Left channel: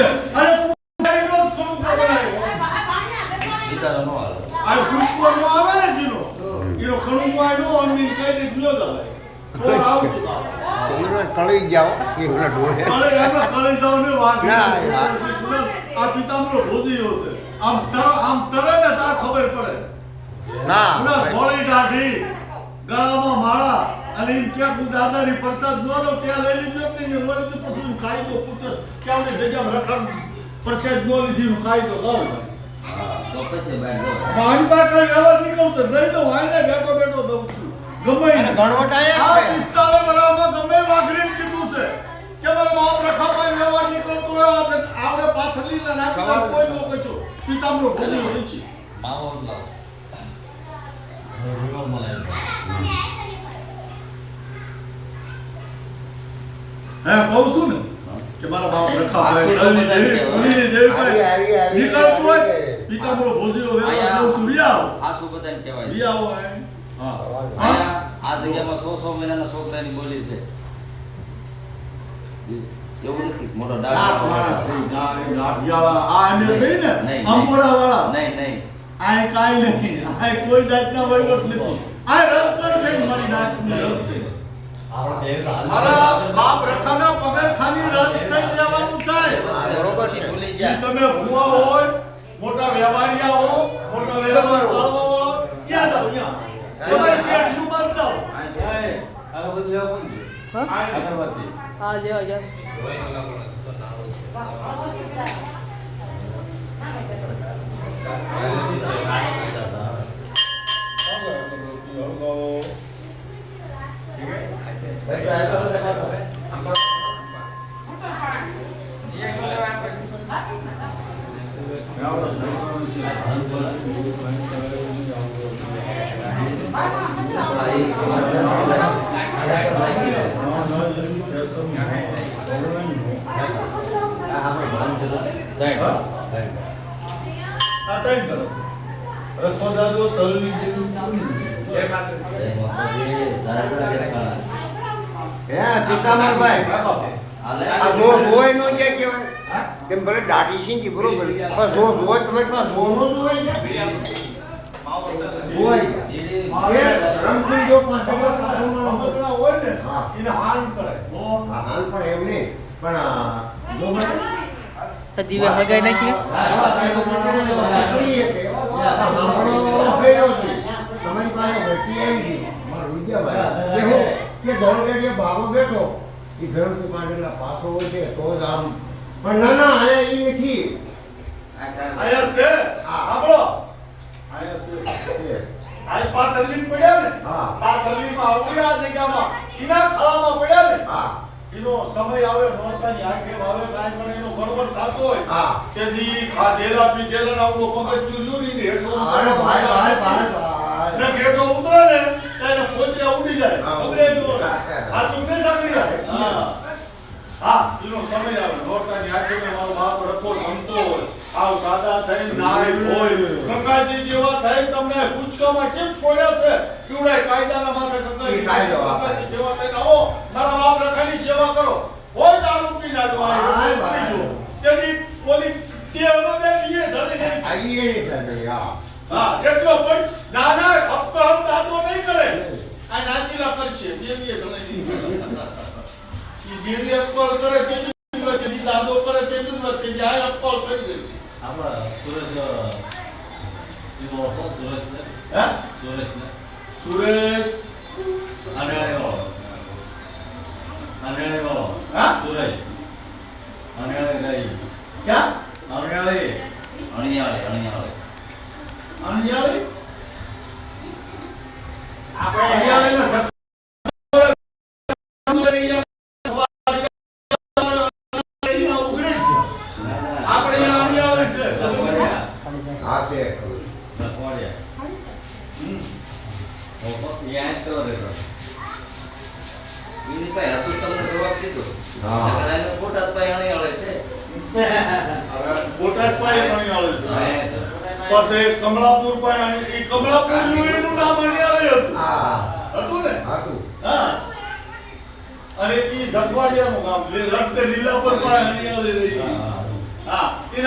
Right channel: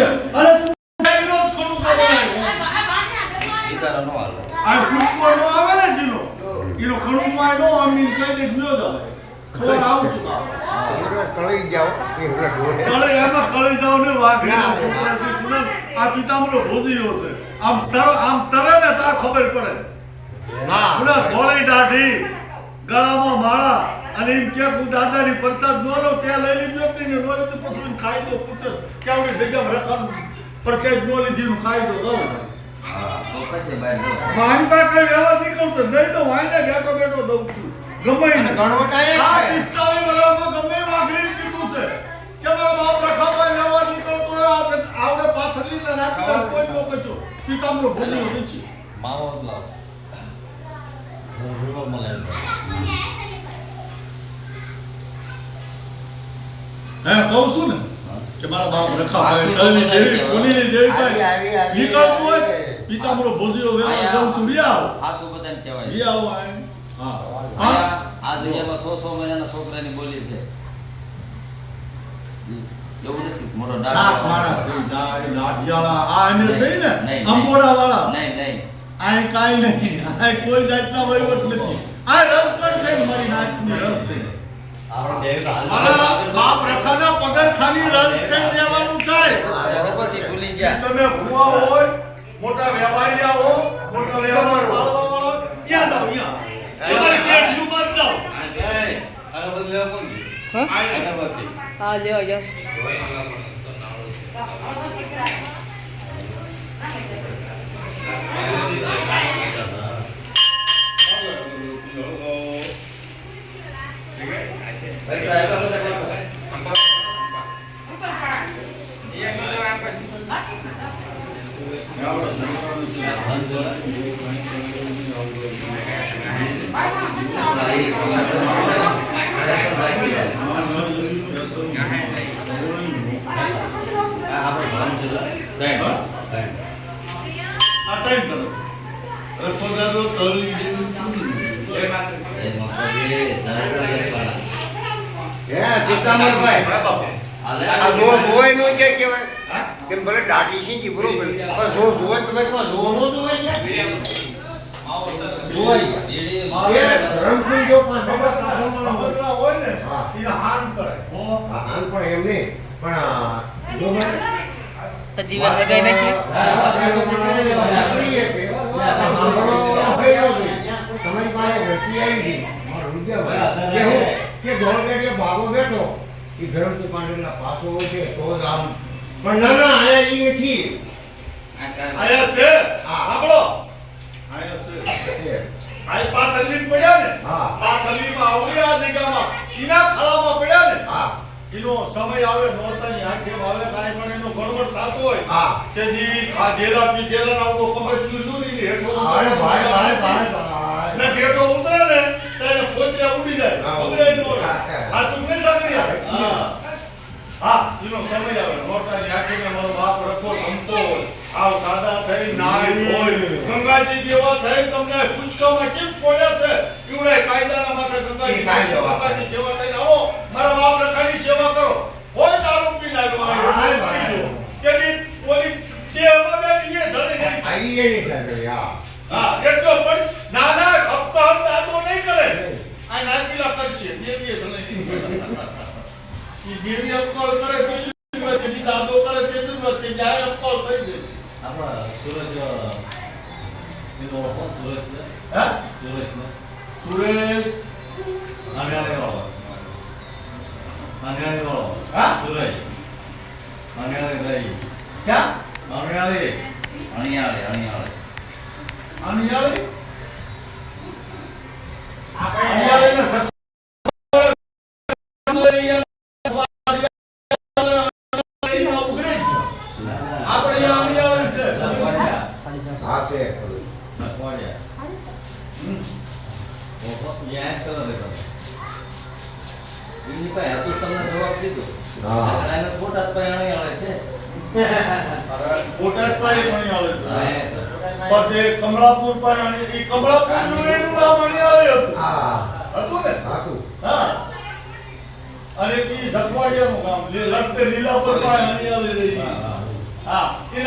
છે અરે કઈ રોજ ખડું કરાયો આ કુકવો નો આવે ને જીનો ઈનો ખડું માં નો અમી કઈ દે ગયો જાવે કોર આવજો કળી જાવ એ ડોહે કળે એમાં કળી જાવ ને વાઘરી આ પિતામરો ભોજીયો છે આમ તરે ને તા ખબર પડે ના ઉડા ગોળી ડાઢી ગળામાં માળા અને એમ કે હું દાદાની પ્રસાદ નો લો ત્યાં લઈ લીધો કે ને રોજ તો પછી ખાઈ દો પૂછે કે આપણે ભેગા રખન પ્રસાદ નો લીધી ખાઈ દો તો માન પાટ લઈ વ્યવહાર નીકળતો નહીં તો વાને બેઠો બેઠો દઉં છું ગમે ગણવટ આયા આ 45 વર્ષમાં ગમે વાઘરી કીધું છે કે મારા બાપ રખાભાઈ વ્યવહાર નીકળતો આવડે પાથરી ને નાખવા કોઈ નો કચો પિતામરો ભૂલી રૂચિ માવો લાવ રોલ મળે હા કહું છું ને કે મારા બાપ રખાભાઈ કળની દેવી કોની દેવી ભાઈ નીકળતો હોય પિતામરો ભોજીયો વ્યવહાર દઉં છું બિયાવ આ શું બધા એમ કહેવાય બિયાવ હા આ જગ્યામાં 100 મહિનાના છોકરાની બોલી છે એવું નથી મોટો દાઢ માણા દાઢિયાળા આ એને સહી ને નહીં, અંબોડા વાળા નહીં આ કાઈ નહીં આ કોઈ જાતનો વહીવટ નથી આ રસ પર છે મારી નાતની રસ છે મારા બાપ રખાના પગાર ખાની રસ થઈ જવાનું છે બરોબરથી ભૂલી કે ગયા તમે ભુવા હોય મોટા વેપારીયા હો મોટા વેપાર વાળવા વાળા ક્યાં જાવ અહીંયા તમારી પેટ યુ મત જાવ હા લ્યો લ્યો કેમ ભલે દાટી છે ને બરોબર પણ જો જોય તમે જોનો જોય જોય રંગપુર જો પણ બગડવા હોય ને એને હાન કરે હાલ પણ એમ નહીં પણ જો મને હજી વાર લગાઈ નાખી તમારી પાસે વ્યક્તિ આવી ગઈ મારો વિદ્યાભાઈ કે ધોળગઢ બાબો બેઠો એ ઘર તો પાડેલા પાસો હોય છે તો જ આમ પણ ના આયા ઈ નથી આયા છે આપણો આયા છે આઈ પાછળલી પડ્યા ને હા પાછળલીમાં આવડ્યા જગ્યામાં ઈના ખળામાં પડ્યા ને હા એનો સમય આવે નોરતાની આંખે આવે કાઈ પણ એનો ગડબડ થાતો હોય હા કે જી ખાધેલા પીધેલા આવડો કમર ચૂલુની હેઠો અરે ભાઈ ને હેઠો ઉતરે ને ત્યારે ફોતરા ઉડી જાય ખબર ન હોય આ સુને સાકરિયા હા એનો સમય આવે નોરતાની આંખે મારો બાપ રખો રમતો હોય આવ સાદા થઈ નાય હોય ગંગાજી જેવા થઈ તમને પૂચકામાં કેમ છોડ્યા છે એવડા કાયદાના માથે ગંગાજી જેવા થઈ આવો મારા બાપ રખાની સેવા કરો કોઈ દારૂ પી લાગ્યો કેદી ઓલી દેવનો બેઠી એ ધરી નહીં આઈ એ નહીં કરે હા એટલો પણ નાના અપકાર દાદો નહીં કરે આ નાચીલા કરશે દેવીએ ધણી નહીં દેવી અપકાર કરે તેજી દાદો કરે તેજી મત જાય અપકાર કરી દે આપણા સુરજ એનો હતો સુરજ ને હા સુરજ ને સુરેશ અનિયાળી વાળો હા સુરજ અનિયાળી ગઈ ક્યાં અનિયાળી અનિયાળી અનિયાળી ને હા છે બોટાદ પાઈ અણિયાળી છે પછી કમલાપુર પાઈ અણિયાળી કમલાપુર નું નામ અણિયાળી હતું હા હતું ને હતું હા અને ઈ જગવાડિયાનું ગામ લડતે લીલા પર પાઈ અણિયાળી રહી